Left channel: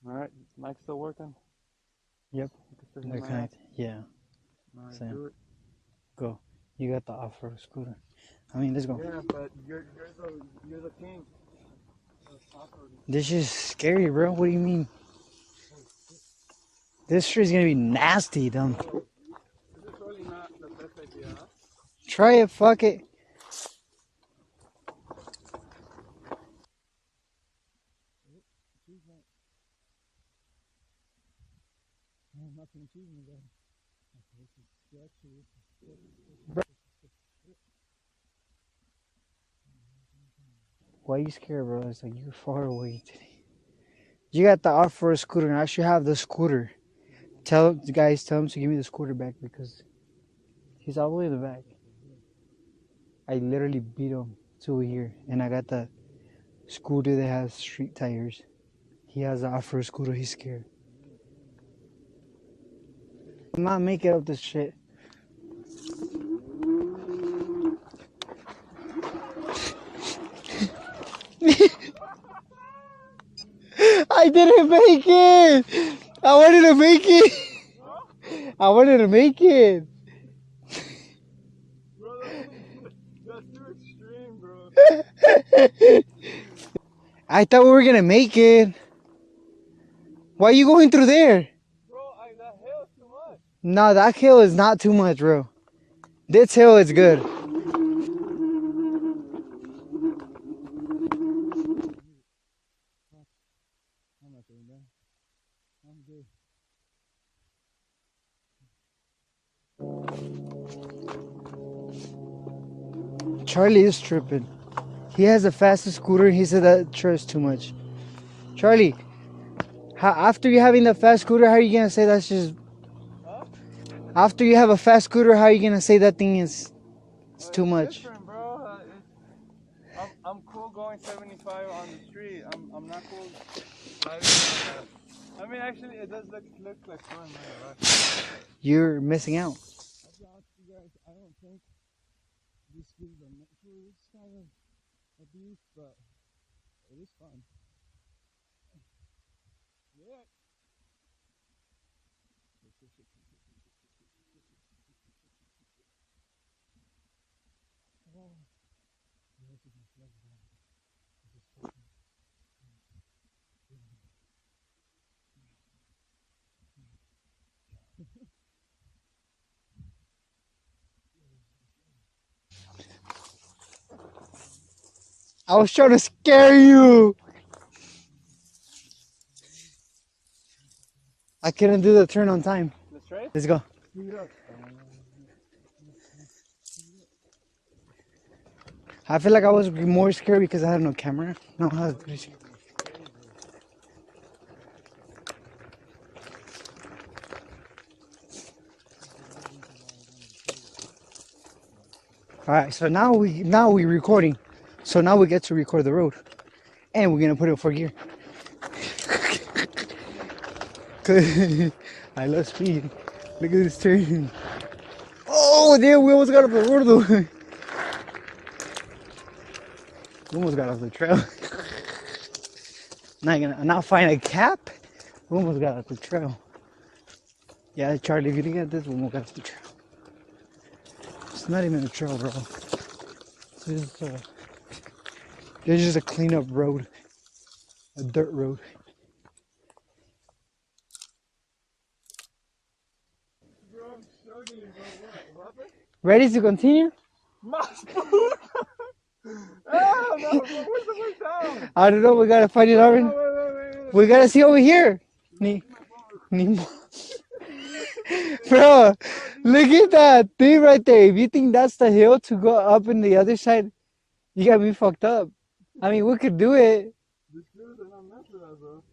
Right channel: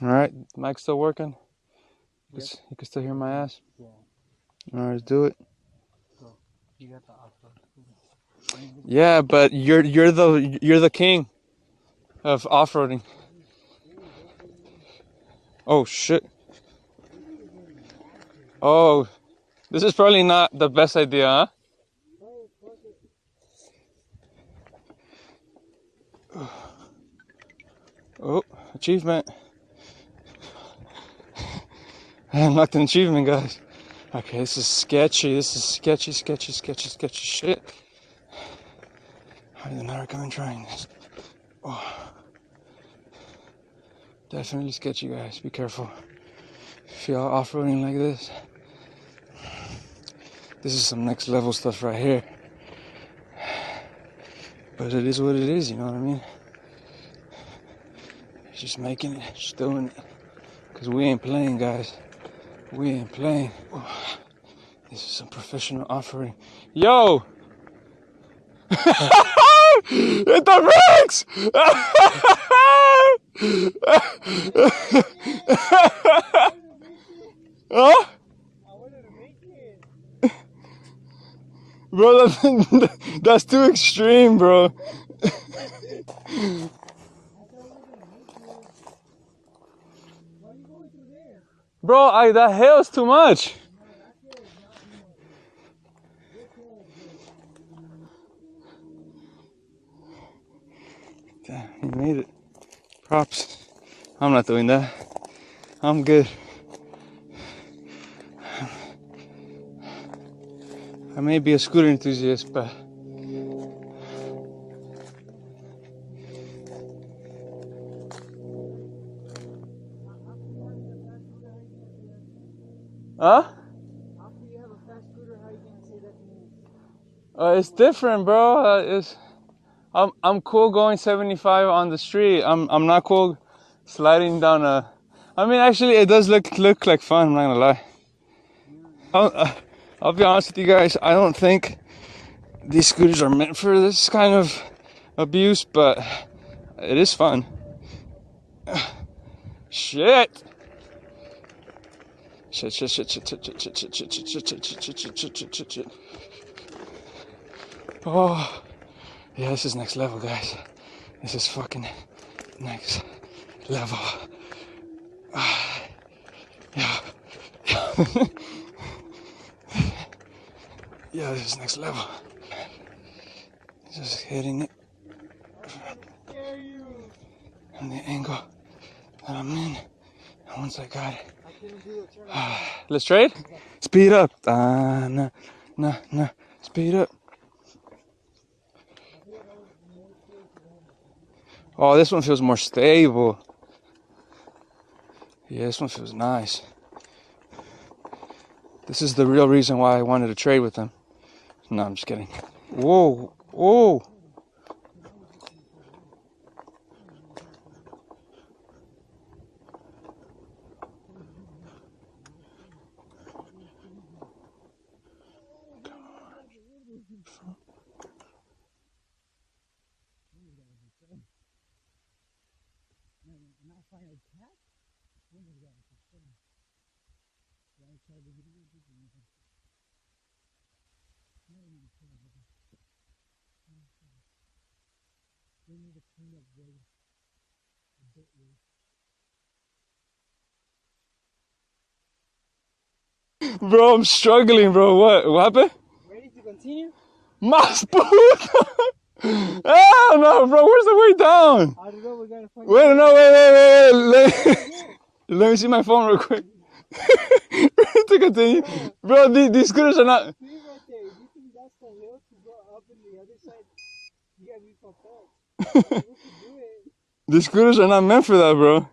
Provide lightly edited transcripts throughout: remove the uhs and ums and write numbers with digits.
All right, mic's still working? Yep. You can still hear my ass? Yeah. All right, do it. Go. You got the off-road scooter. I mean, let's go. Yeah, but you're the king of off-roading. This is scary, bro. What do you mean? Oh shit. This shit is gonna be nasty, though. Oh, this is probably not the best idea, huh? Try it. Fuck it. Oh, achievement. I unlocked an achievement, guys. Okay, this is sketchy. This is sketchy shit. How did I not recommend trying this? Why are you scared, bro? You're far away. Definitely You got the sketchy, off-road guys. scooter, and I should have the scooter. If y'all Tell off-roading the like guys, this, tell them to give me the scooter back. this is some next level stuff right here. I literally beat him. But it is what it is, you know what I mean? Scooter that has street tires. Just making He it. has the off-road scooter. He's scared. Because we ain't playing, guys. We ain't playing. I'm not making up this shit. This is some professional offering. Yo! Hit the brakes! I didn't make it! I wanted to make it! Huh? I wanted to make it! Bro, that's too extreme, bro. I thought we were gonna make it. Why are you going through there? Bro, that hill is too much. No, that hill is not too much, bro. This hill is good. Damn, you made it. Props. I'm not doing that. I'm good. I may be a scooter enthusiast, but... Charlie is tripping. He has the fastest scooter. He said that sure is too much. Charlie, after you having the fast scooter, how are you gonna say that's just... Huh? After you have a fast scooter, how are you gonna say that thing is too much? It's different, bro. I'm cool going 75 on the street. I'm not cool sliding down a... I mean, actually, it does look like fun, I'm not gonna lie. You're missing out. I'll be honest with you guys, I don't think these scooters are meant for this kind of abuse, but it is fun. Shit! Shit. Oh, yeah, this is next level, guys. This is fucking next level. Yeah. Yeah, this is next level. Just hitting it. I was trying to scare you. And the angle that I'm in. And once I got it. I couldn't do the turn on time. Let's trade? Let's go. Speed up. Nah. Speed up. I feel like I was more scared because I had no camera. No. Oh, this one feels more stable. Yeah, this one feels nice. This is the real reason why I wanted to trade with them. No, I'm just kidding. All right, so now we're recording. So now we get to record the road, and we're gonna put it in 4th gear. I love speed. Look at this turn. Oh, damn! We almost got off the road though. We almost got off the trail. Not find a cap. We almost got off the trail. Yeah, Charlie, if you didn't get this, we almost got off the trail. It's not even a trail, bro. There's just a clean-up road. A dirt road. Bro, I'm struggling, bro. What happened? Ready to continue? Mas puta! Hell no, bro. Where's the way down? I don't know. We gotta find it Wait, out. no, wait. We gotta see over here. Let me see my phone real quick. Bro, these look at that thing right there. If you think that's the hill to go up in the other side, you got me fucked up. I mean, we could do it. The scooters are not meant for that, bro.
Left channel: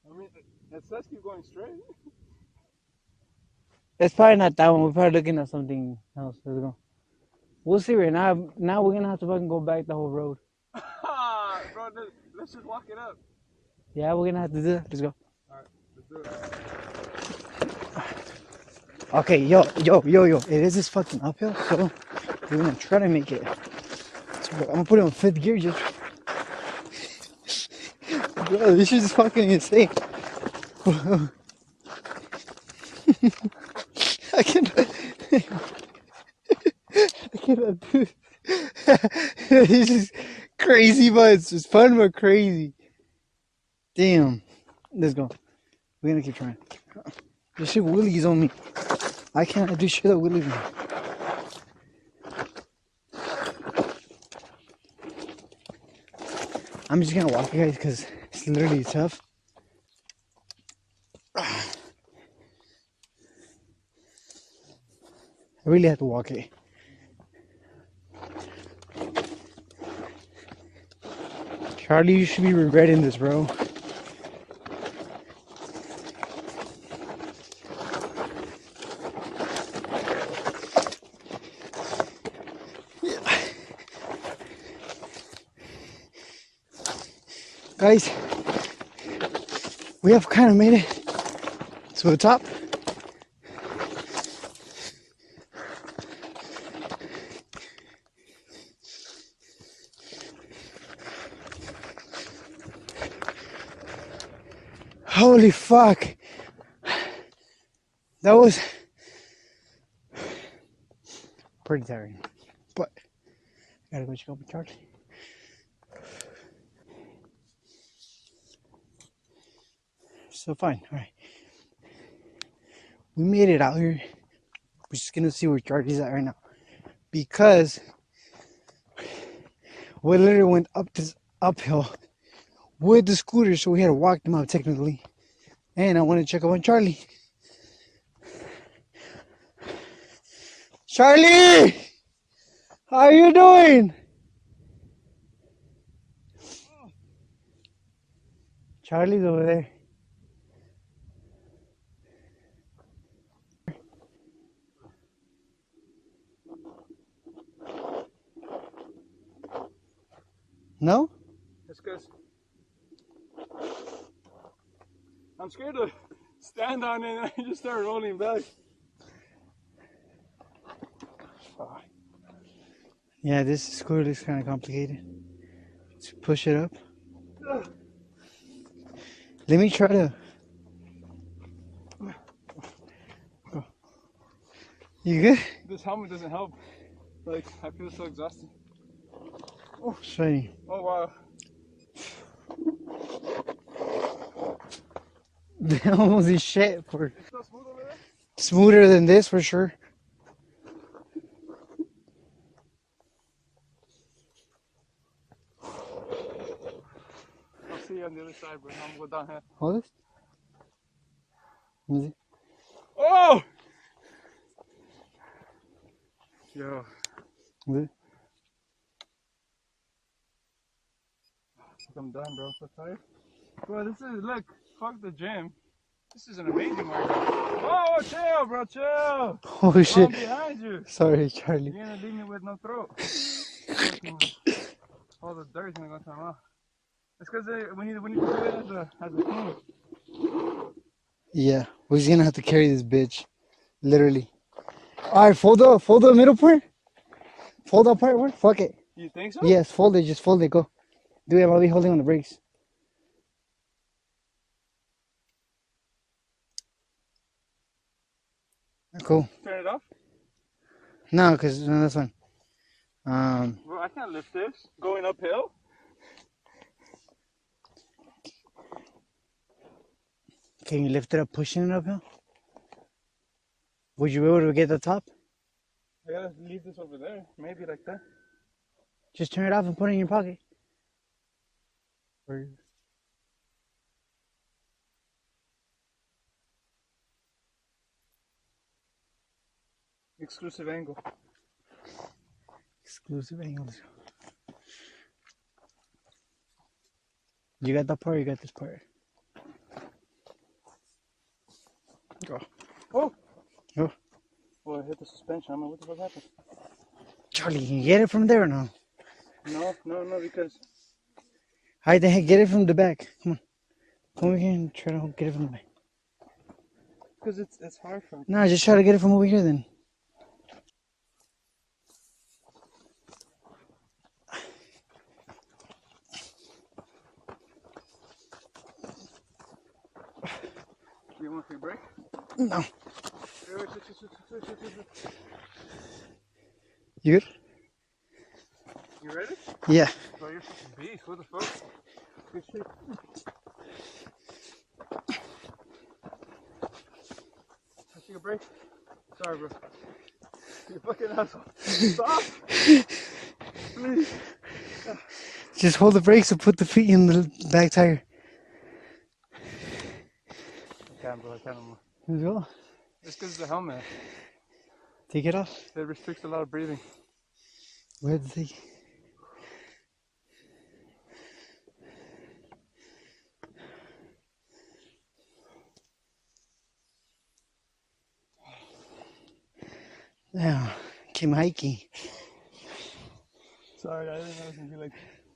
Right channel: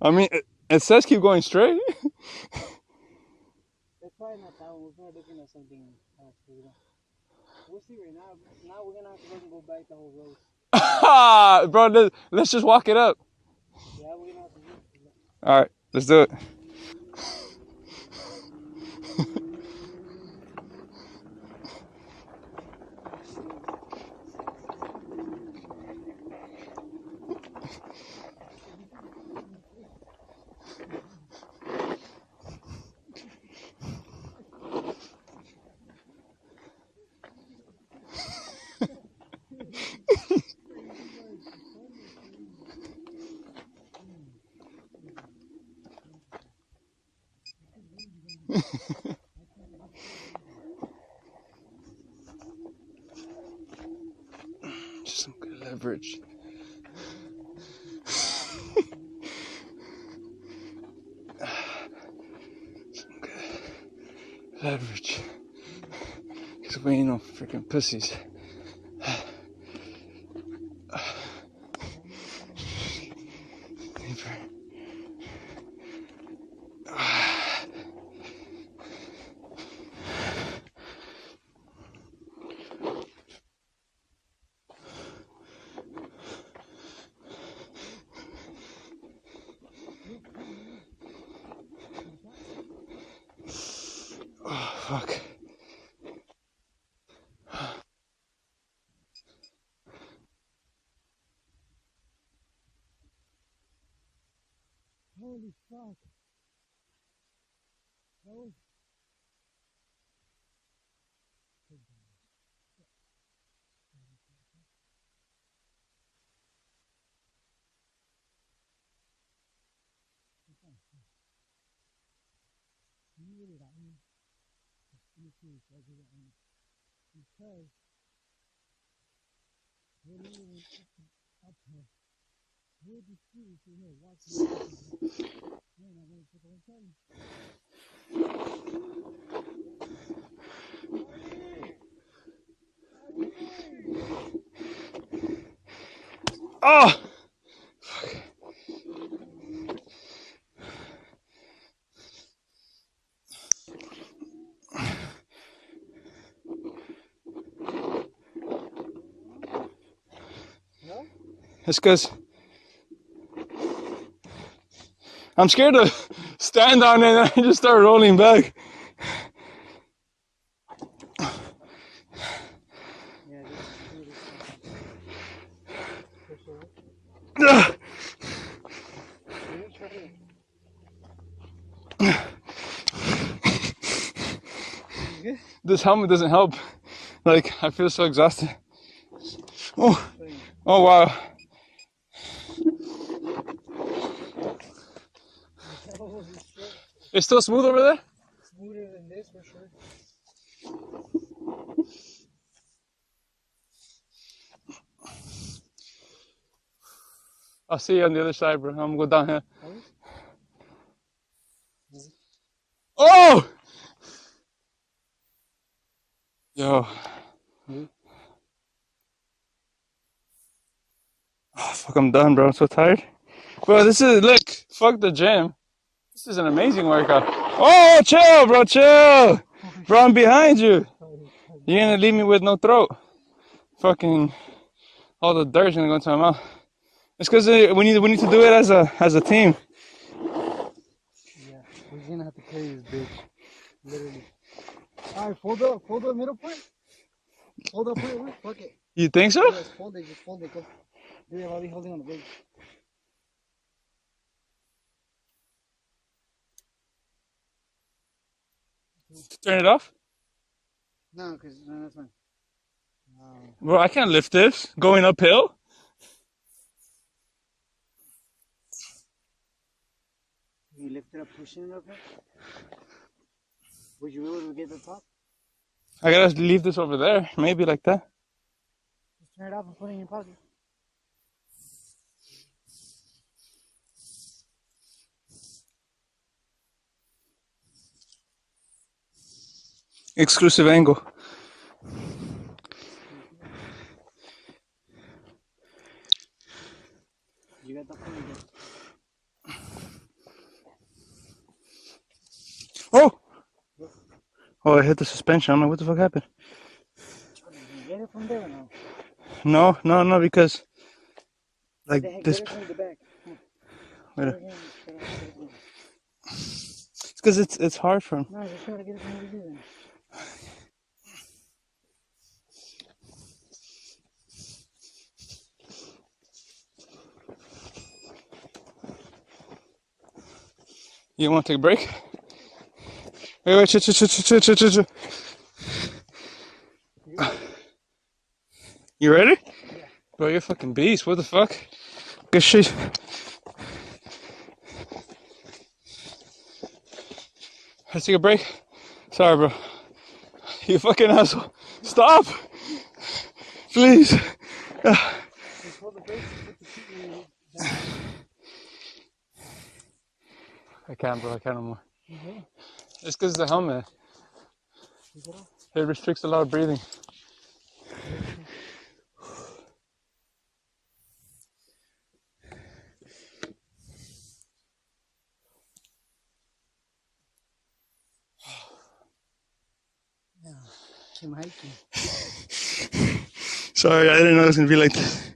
I mean, it says keep going straight. It's probably not that one. We're probably looking at something else. Let's go. We'll see right now. Now we're gonna have to fucking go back the whole road. Bro, let's just walk it up. Yeah, we're gonna have to do that. Let's go. All right, let's do it. Okay, yo. It is this fucking uphill, so we're gonna try to make it. So I'm gonna put it on 5th gear just Bro, this is fucking insane. I cannot. I cannot do it. This is crazy, but it's fun but crazy. Damn. Let's go. We're gonna keep trying. This shit willies on me. I can't do shit that willies me. Just some good leverage. I'm just gonna walk you guys because it's literally tough. Some good leverage. I really have to walk it. Because we ain't no freaking pussies. Charlie, you should be regretting this, bro. Guys, we have kind of made it to the top. Oh, fuck. Holy fuck. That was pretty tiring. But I gotta go check out my Charlie. So fine, alright. We made it out here. We're just gonna see where Charlie's at right now. Because we literally went up this uphill with the scooter, so we had to walk them out technically. And I want to check up on Charlie. Charlie! How are you doing? Oh! Charlie's over there. No? It's because I'm scared to stand on it and I just start rolling back. Yeah, this scooter is kind of complicated. Let's push it up. Ugh. Let me try to. You good? This helmet doesn't help. Like, I feel so exhausted. Oh, Show you. oh wow. Almost is shit. For It's still smooth over there? smoother than this for sure. I'll see you on the other side, bro. I'm gonna go down here. Hold it. Easy. Oh! Yo. Mhm. Oh, fuck, I'm done, bro. I'm so tired. Bro, this is, look, fuck the gym. This is an amazing workout. Oh, chill, bro, chill. Oh Bro, shit. I'm behind you. Sorry, Charlie. You're gonna leave me with no throat. Fucking, all the dirt's gonna go into my mouth. It's because we need to do it as a team. Yeah, we're just gonna have to carry this bitch. Literally. Alright, fold the middle part. Fold that part, work. Fuck it. You think so? Yes, fold it, just fold it, go. Do it, I'll be holding on the brakes. Cool. Turn it off? No, because no, that's fine. Bro, I can't lift this going uphill. Can you lift it up, pushing it uphill? Would you be able to get the top? I gotta leave this over there. Maybe like that. Just turn it off and put it in your pocket. Exclusive angle. You got that part, you got this part. Oh! Oh. Oh, I hit the suspension. I'm like, what the fuck happened? Charlie, can you get it from there or no? No, because... How the heck, this- get it from the back. Come on. Where? Come over here and try to get it from the back. It's because it's hard for him. No, just try to get it from over here then. You want to take a break? No. Wait, chill. You good? You ready? Yeah. Bro, you're a fucking beast. What the fuck? Good shit. Let's take a break. Sorry, bro. You fucking asshole. Stop! Please. Just hold the brakes and put the feet in the back tire. I can't, bro. I can't anymore. Here you go. It's because the helmet. Take it off. It restricts a lot of breathing. Let's see. Yeah, came hiking. Sorry, I didn't know it was gonna be like this.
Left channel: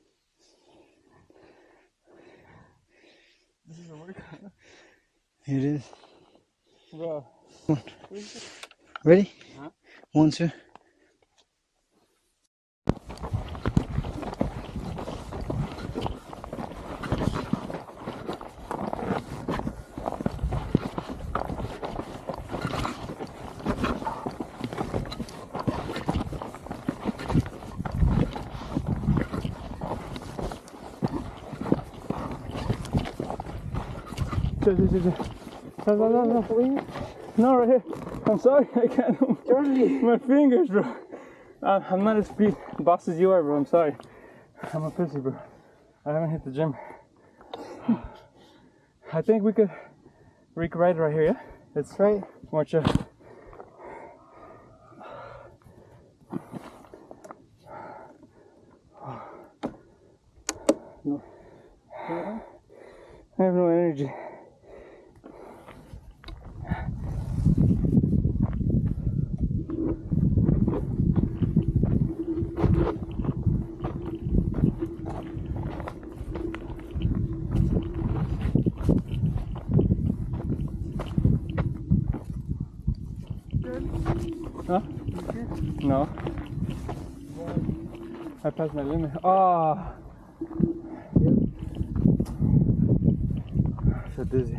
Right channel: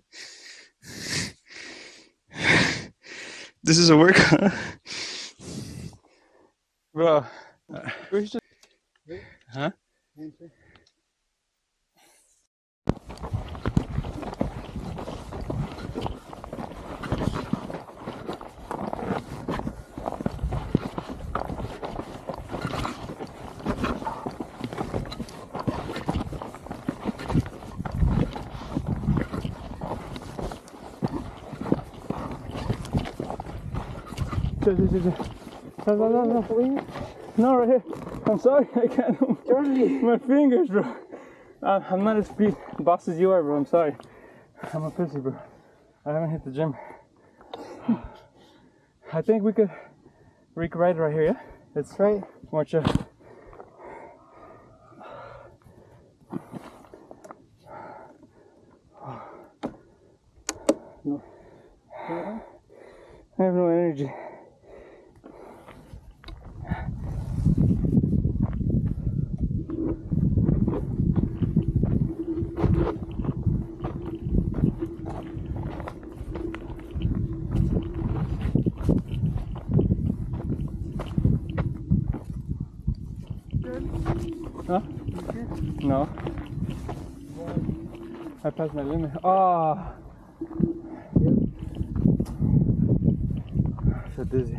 This is a workout. It is. Bro. Ready? Huh? 1, 2. No, right here. I'm sorry, I can't move. Charlie! My fingers, bro. I'm not as speed boss as you are, bro. I'm sorry. I'm a pussy, bro. I haven't hit the gym. I think we could ride right here, yeah? It's Right. more chill. No. I have no energy. Huh? No. I passed my limit. Ah. So dizzy.